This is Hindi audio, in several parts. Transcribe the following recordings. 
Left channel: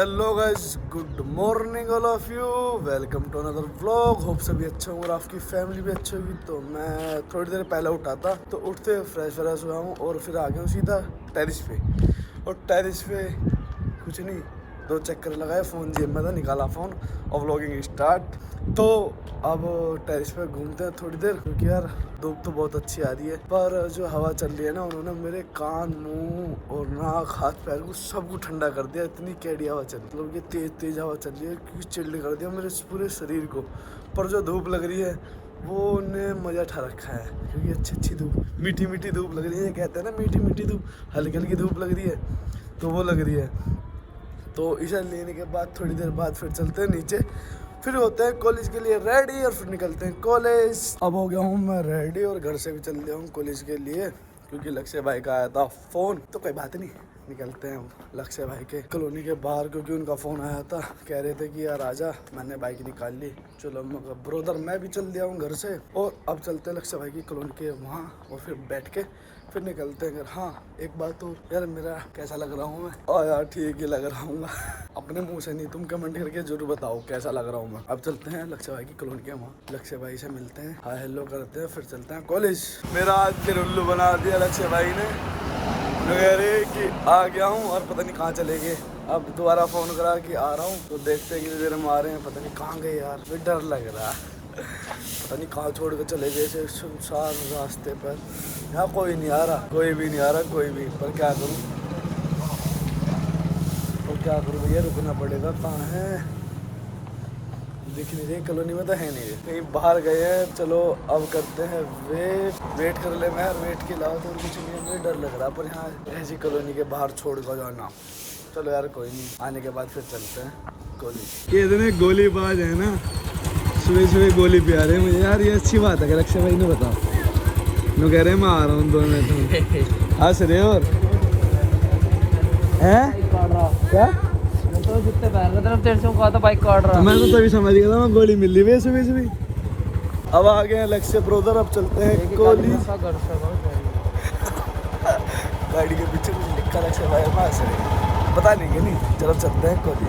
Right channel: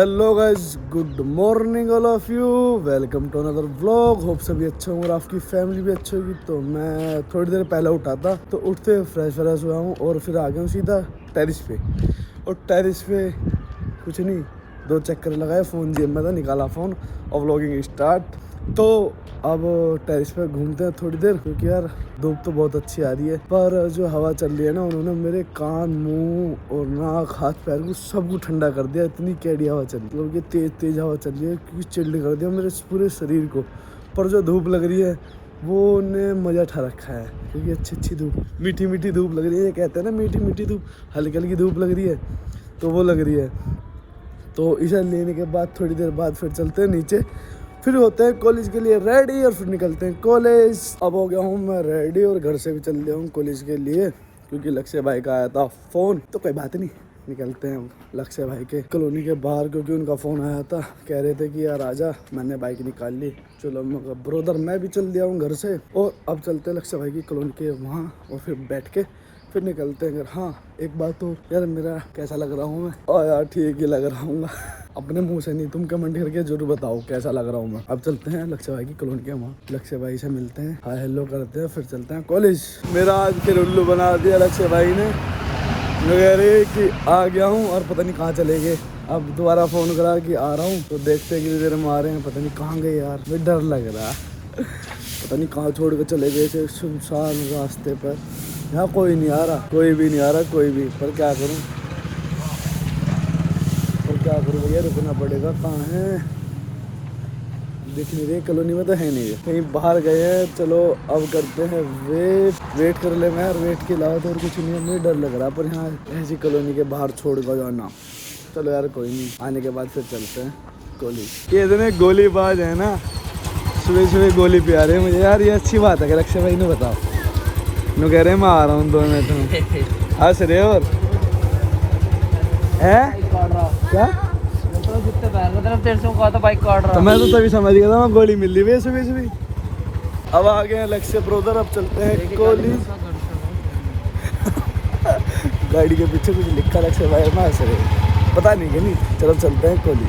Hello guys, good morning all of you. Welcome to another vlog. Hope सभी अच्छे होंगे और आपकी फैमिली भी अच्छी होगी। तो मैं थोड़ी देर पहले उठा था, तो उठते फ्रेश हुआ हूँ और फिर आ गया हूँ सीधा टेरिस पे। और टेरिस पे कुछ नहीं, 2 चक्कर लगाए, फ़ोन जेब में था, निकाला फ़ोन और व्लॉगिंग स्टार्ट। तो अब टेरिस पे घूमते हैं थोड़ी देर, क्योंकि यार धूप तो बहुत अच्छी आ रही है, पर जो हवा चल रही है ना, उन्होंने मेरे कान, मुंह और नाक, हाथ पैर को सबको ठंडा कर दिया। इतनी कैडी हवा चल रही है, मतलब कि तेज हवा चल रही है कि चिल्ड कर दिया मेरे पूरे शरीर को। पर जो धूप लग रही है वो ने मज़ा उठा रखा है, क्योंकि अच्छी धूप, मीठी धूप लग रही है। कहते हैं ना मीठी धूप, हल्की धूप लग रही है, तो वो लग रही है। तो इसे लेने के बाद थोड़ी देर बाद फिर चलते हैं नीचे, फिर होते हैं कॉलेज के लिए रेडी और फिर निकलते हैं कॉलेज। अब हो गया हूँ मैं रेडी और घर से भी चल गया हूँ कॉलेज के लिए, क्योंकि लक्ष्य भाई का आया था फ़ोन। तो कोई बात नहीं, निकलते हैं लक्ष्य भाई के कॉलोनी के बाहर, क्योंकि उनका फ़ोन आया था, कह रहे थे कि यार आजा। मैंने बाइक निकाल ली, चलो ब्रोदर मैं भी चल दिया हूँ घर से। और अब चलते हैं लक्ष्य भाई की कॉलोनी के वहाँ और फिर बैठ के फिर निकलते हैं घर। हाँ, एक बात तो यार, मेरा कैसा लग रहा हूँ मैं? और यार ठीक ही लग रहा हूँ अपने मुंह से नहीं, तुम कमेंट करके जरूर बताओ कैसा लग रहा हूँ मैं। अब चलते हैं लक्ष्य भाई की कॉलोनी के वहाँ, लक्ष्य भाई से मिलते हैं, हाय हेलो करते हैं, फिर चलते हैं कॉलेज। मेरा आज फिर उल्लू बना दिया लक्ष्य भाई ने, कह रहे कि आ गया हूँ और पता नहीं कहाँ चले गए। अब दोबारा फ़ोन करा कि आ रहा हूँ, तो देखते हैं कि देर में आ रहे हैं, पता नहीं कहाँ गए यार, मुझे डर लग रहा पता नहीं कहाँ छोड़ कर चले गए थे सुनसान रास्ते पर। यहाँ कोई नहीं आ रहा, कोई भी नहीं आ रहा, कोई भी। पर क्या करूँ भैया, रुकना पड़ेगा। कहाँ है, दिख नहीं रही, कॉलोनी में तो है नहीं, कहीं बाहर गए हैं। चलो अब करते हैं वेट कर ले मैं यार, वेट के अलावा तो और कुछ नहीं है। मुझे डर लग रहा है, पर यहाँ ऐसी कॉलोनी के बाहर छोड़ कर जाना। चलो यार कोई नहीं, आने के बाद फिर चलते हैं कॉलेज। ये इतने गोलीबाज है ना, सुबह गोली पे आ रहे हैं मुझे यार। ये अच्छी बात है कि लक्ष्य भाई ने बताओ, नो कह रहे हैं मैं आ रहा हूँ 2 मिनट में। हंस रहे और है क्या? तो मैं तो तभी समझ गया था, मैं गोली मिल रही है सुबह। अब आ गए हैं लक्ष्य ब्रोदर, अब चलते हैं कॉलेज। गाड़ी के पीछे कुछ लिखा लक्ष्य भाई, हंस रहे, पता नहीं कि नहीं। चलो चलते हैं कॉलेज।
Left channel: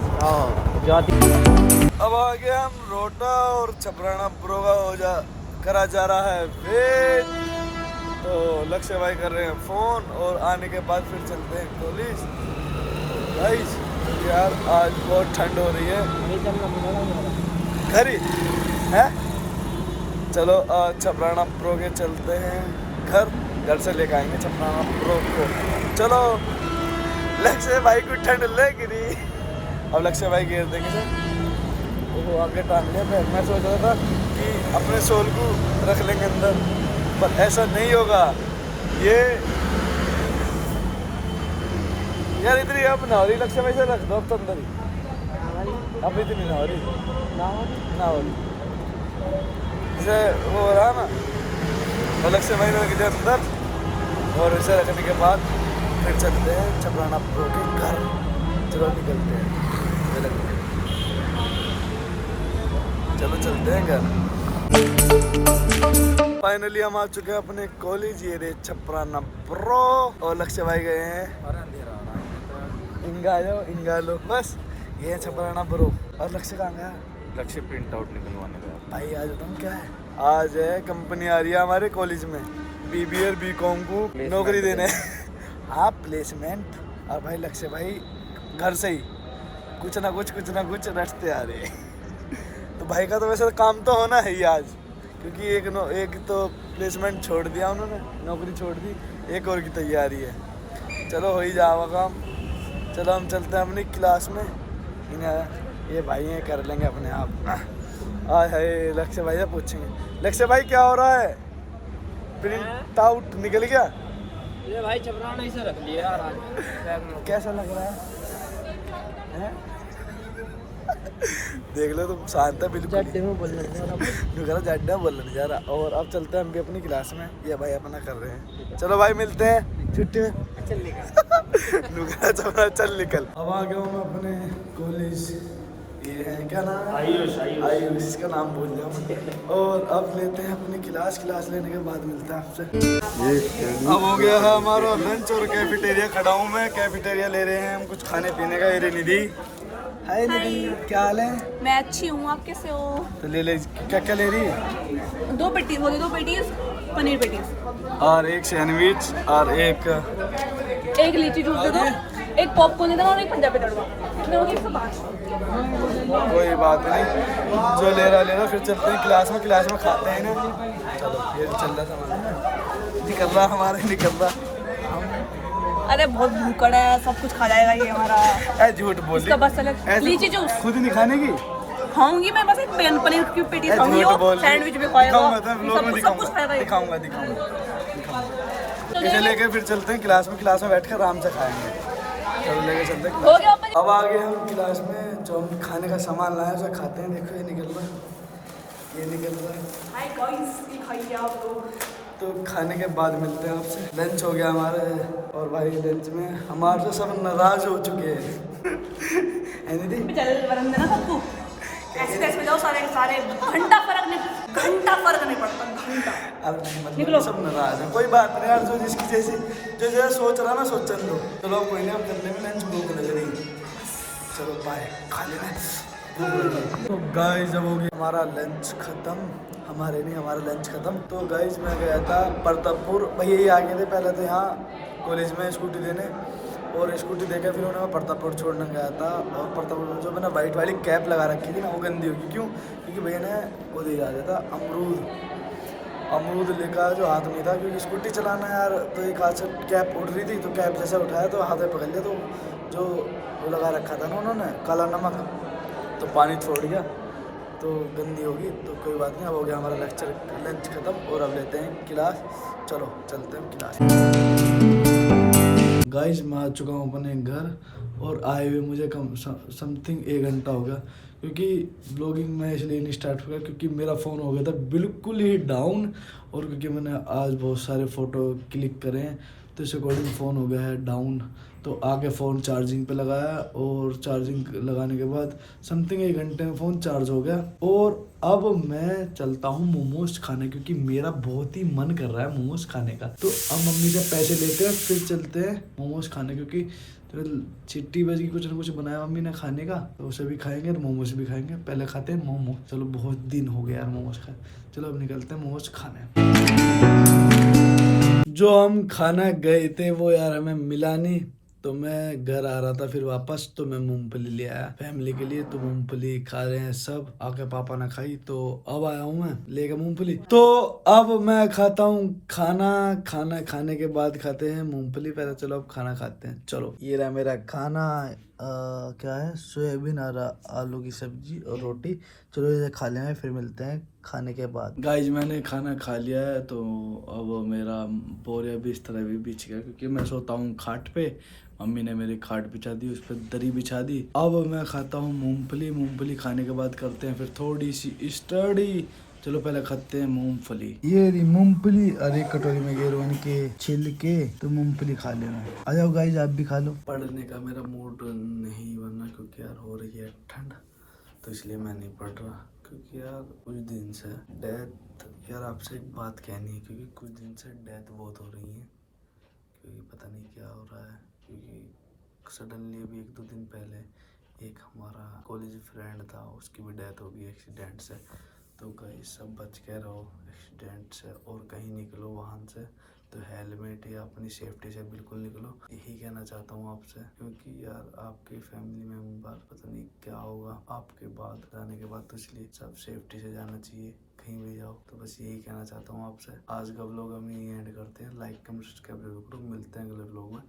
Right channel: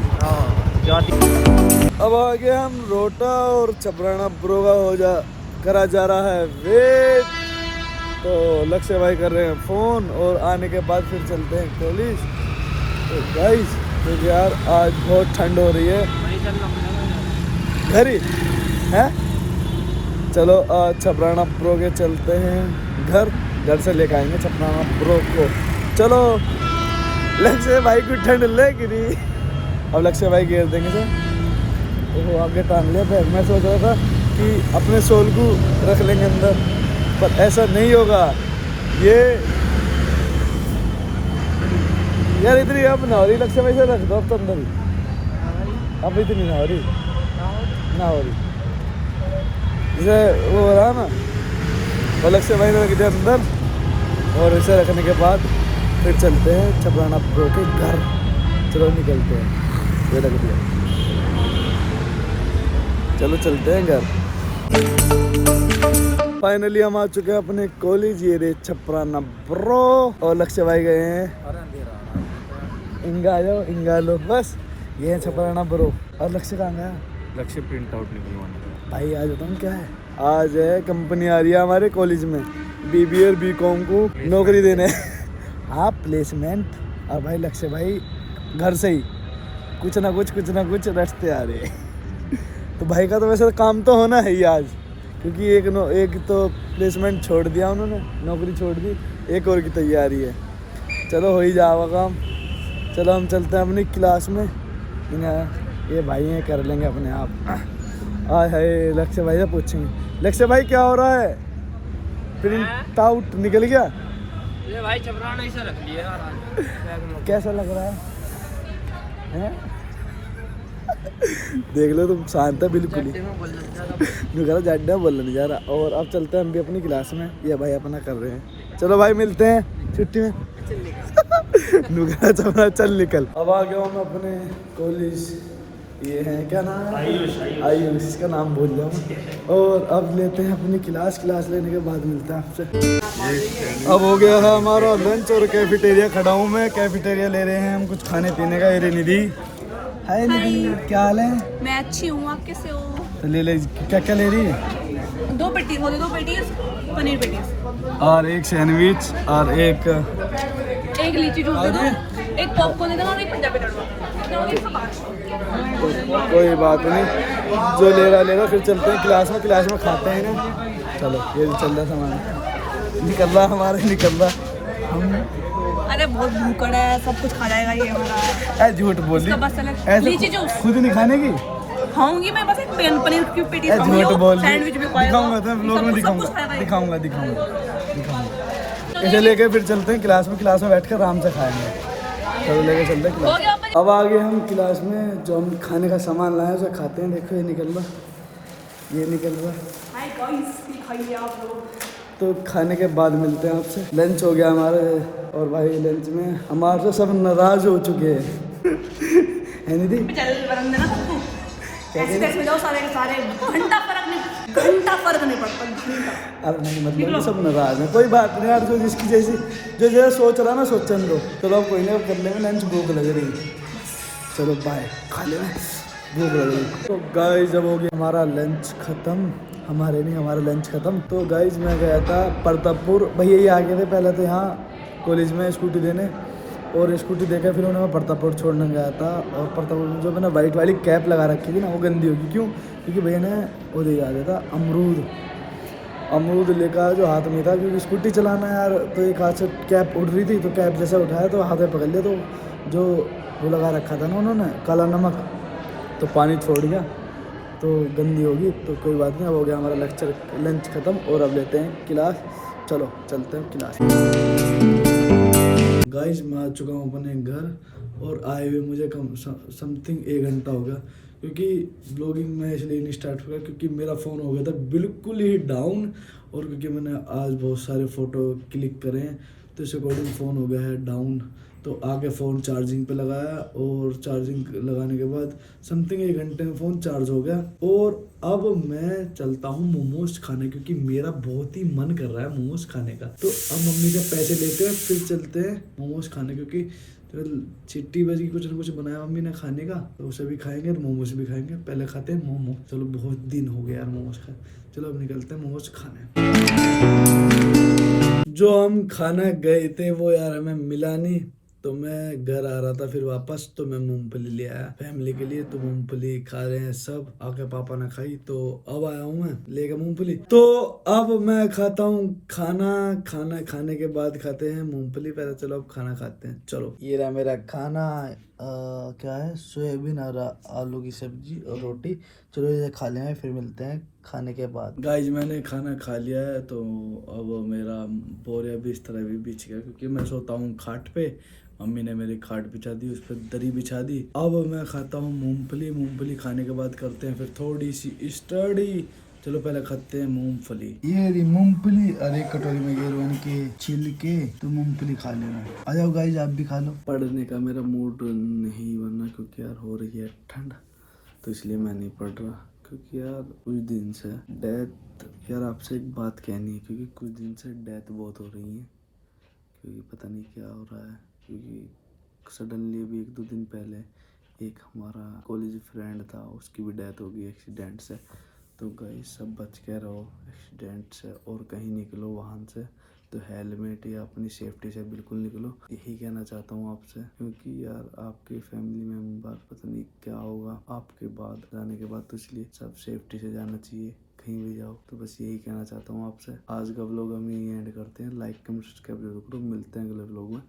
अब आ गए हम रोटा और छपराना ब्रो का करा जा रहा है वेट। तो लक्ष्य भाई कर रहे हैं फ़ोन और आने के बाद फिर चलते हैं कॉलेज। तो गाइस, तो यार आज बहुत ठंड हो रही है, घर ही है। चलो आज छपराना प्रो के चलते हैं घर से लेकर आएंगे छपराना प्रो को। चलो लक्ष्य भाई को ठंड लग रही, अब लक्ष्य भाई घेर देंगे सर, वो आगे टांग लिया बैग। मैं सोच रहा था कि अपने सोल को रख लेंगे अंदर, पर ऐसा नहीं होगा। ये यार इतनी अब ना हो रही, लक्ष्य भाई से रख दो अब तो अंदर ही, अब इतनी ना हो रही जैसे वो हो रहा ना। और लक्ष्य भाई ने रख दिया अंदर, और इसे रखने के बाद फिर चलते हैं छपराना प्रो के घर। चलो निकलते हैं, ये रख दिया, चलो चलते हैं घर। फाइनली हम आ चुके हैं अपने कॉलेज, ये रे छपराना प्रो। और लक्ष्य भाई गए हैं इंगा, आ जाओ इंगा लो, बस ये है छपराना प्रो। और लक्ष्य कहाँ गया? लक्ष्य प्रिंट आउट निकलवाना था भाई। आज बताऊँ क्या है, आज है कंपनी आ रही है हमारे कॉलेज में, BBA और BCom को नौकरी देने। हाँ, प्लेसमेंट। और भाई लक्ष्य भाई घर से ही कुछ ना कुछ रचते आ रहे हैं। तो भाई का तो वैसे काम तो होना है ही आज, क्योंकि एक तो प्लेसमेंट छोड़ दिया उन्होंने, नौकरी छोड़ दी, एक और की तैयारी है। चलो हो ही जाएगा काम। चलो हम चलते हैं अपनी क्लास में, ये भाई हैं कर लेंगे अपने आप। आए हाय, लक्ष्य भाई से पूछेंगे, लक्ष्य भाई क्या हो रहा है? प्रिंट आउट निकल गया? ये भाई छपराना इसे रख लिया। कैसा लग रहा है? देख लो तुम, शांत है बिल्कुल ही, जाड्डा बोलने नहीं जा रहा। और अब चलते हैं हम भी अपनी क्लास में, ये भाई अपना कर रहे हैं। चलो भाई मिलते हैं छुट्टी में। चल निकल। अब आ गया हूँ मैं अपने कॉलेज, ये है क्या नाम है? आयुष, इसका नाम भूल जाऊँ। और अब लेते हैं अपनी क्लास लेने के बाद मिलते हैं आपसे। अब हो गया है हमारा लंच और कैफेटेरिया खड़ा हूँ मैं, कैफेटेरिया ले रहे हैं हम कुछ खाने पीने का। ये निधि हाय निधि, क्या हाल है? मैं अच्छी हूँ, आप कैसे हो? तो ले ले, क्या क्या ले रही? 2 पेटीज पनीर पेटीज और एक सैंडविच और एक एक लीची जूस दे दो, एक पॉपकॉर्न दे दो और एक पंजाबी तड़का। कोई बात नहीं, जो ले रहा फिर चलते हैं क्लास में खाते हैं ना। चलो ये चल रहा सामान निकल रहा हमारे, निकल रहा हम। अरे बहुत भूखड़ है, सब कुछ खा जाएगा ये हमारा। ऐ झूठ बोल इसका बस अलग ऐसे लीची जूस खुद नहीं खाने की। खाऊंगी मैं, बस एक पनीर की पेटीज खाऊंगी झूठ और बोल सैंडविच भी दिखाऊंगा तो व्लॉग में सब कुछ खा रहे हैं। दिखाऊंगा इसे लेके फिर चलते हैं क्लास में बैठकर आराम से खाएंगे। चलो लेके चलते हैं हो गया क्लास। अब आ गए हम क्लास में, जो हम खाने का सामान लाए सब खाते हैं। देखो ये निकल रहा। हाय गाइस, खाइए आप लोग। तो खाने के बाद मिलते हैं आपसे। लंच हो गया हमारे, और भाई लंच में हमारे से सब नाराज हो चुके हैं। है निधि? चल बरम देना सबको। ऐसे में जाओ सारे के सारे, घंटा फर्क नहीं पड़ता, घंटा। अब नहीं मतलब सब नाराज हैं। कोई बात नहीं यार, जो जिसकी जैसी जो जैसा सोच रहा ना सोचन दो। चलो कोई नहीं, अब कर लेंगे लंच। भूख लग रही है, चलो बाय, खा लेना, भूख लग रही है। तो गाइस जब हो गया हमारा लंच खत्म, हमारा लंच खत्म। तो गाइस मैं गया था प्रतापपुर, भैया ही आ गए थे पहले तो यहाँ कॉलेज में स्कूटी देने, और स्कूटी देके फिर उन्हें मैं प्रतापपुर छोड़ने गया था। और प्रतापपुर में जो मैंने वाइट वाली कैप लगा रखी थी ना, वो गंदी होगी। क्यों? क्योंकि भैया ने वो दे दिया था अमरूद लेकर, जो हाथ में था। क्योंकि स्कूटी चलाना यार, तो एक हाथ से कैप उड़ रही थी, तो कैप जैसे उठाया तो हाथ में पकड़ लिया, तो जो वो लगा रखा था ना उन्होंने काला नमक, तो पानी छोड़ गया, तो गंदी होगी। तो कोई बात नहीं, अब हो गया हमारा लंच खत्म, और अब लेते हैं क्लास। चलो चलते हैं क्लास। गाइस मैं आ चुका हूँ अपने घर, और आए हुए मुझे कम समथिंग 1 घंटा हो गया। क्योंकि ब्लॉगिंग में इसलिए नहीं स्टार्ट हुआ क्योंकि मेरा फ़ोन हो गया था बिल्कुल ही डाउन, और क्योंकि मैंने आज बहुत सारे फ़ोटो क्लिक करे हैं, तो इस अकॉर्डिंग फ़ोन हो गया है डाउन। तो आके फ़ोन चार्जिंग पे लगाया, और चार्जिंग लगाने के बाद समथिंग 1 घंटे में फ़ोन चार्ज हो गया। और अब मैं चलता हूँ मोमोज खाने, क्योंकि मेरा बहुत ही मन कर रहा है मोमोज खाने का। तो अब मम्मी से पैसे लेते हैं, फिर चलते हैं मोमोज खाने, क्योंकि तो चिट्टी बज की कुछ ना कुछ बनाया मम्मी ने खाने का, तो उसे भी खाएंगे और मोमोज भी खाएंगे। पहले खाते हैं मोमो। चलो बहुत दिन हो गया यार मोमोज खाए। चलो अब निकलते हैं मोमोज खाने। जो हम खाना गए थे वो यार हमें मिला नहीं, तो मैं घर आ रहा था फिर वापस, तो मैं मूंगफली ले आया फैमिली के लिए। तो मूंगफली खा रहे हैं सब, आके पापा ने खाई, तो अब आया हूँ मैं लेकर मूंगफली। तो अब मैं खाता हूँ खाना खाने के बाद खाते हैं मूंगफली। पहले चलो अब खाना खाते हैं। चलो ये रहा मेरा खाना। क्या है, सोयाबीन और आलू की सब्जी और रोटी। चलो इसे खा लें, फिर मिलते हैं खाने के बाद। गाइज मैंने खाना खा लिया है, तो अब मेरा बोरिया बिस्तर भी बिछ गया, क्योंकि मैं सोता हूँ खाट पे। मम्मी ने मेरी खाट बिछा दी, उस पर दरी बिछा दी। अब मैं खाता हूँ मूंगफली खाने के बाद करते हैं फिर थोड़ी सी स्टडी। चलो पहले खाते हैं मूंगफली। ये रही मूंगफली, और एक कटोरी में गिरवन के छिल के, तो मूंगफली खा ले। आ जाओ गाइज आप भी खा लो। पढ़ने का मेरा मूड नहीं बनना, क्योंकि यार हो रही है ठंड, तो इसलिए मैं नहीं पढ़ रहा। क्योंकि यार कुछ दिन से डेथ, यार आपसे एक बात कहनी है, क्योंकि कुछ दिन से डेथ बहुत हो रही है, क्योंकि पता नहीं क्या हो रहा है। क्योंकि सडनली अभी 1-2 दिन पहले एक हमारा कॉलेज फ्रेंड था, उसकी भी डेथ हो गई एक्सीडेंट से। तो गाइस सब बच के रहो एक्सीडेंट से, और कहीं निकलो वाहन से तो हेलमेट या अपनी सेफ्टी से बिल्कुल निकलो। यही कहना चाहता हूँ आपसे, क्योंकि यार आपके फैमिली मेम्बर पता नहीं क्या होगा आपके बाद जाने के बाद, तो इसलिए सब सेफ्टी से जाना चाहिए कहीं भी जाओ। तो बस यही कहना चाहता हूँ आपसे। आज का व्लॉग हम यही एंड करते हैं। लाइक कमेंट सब्सक्राइब जरूर करो। मिलते हैं अगले व्लॉग में।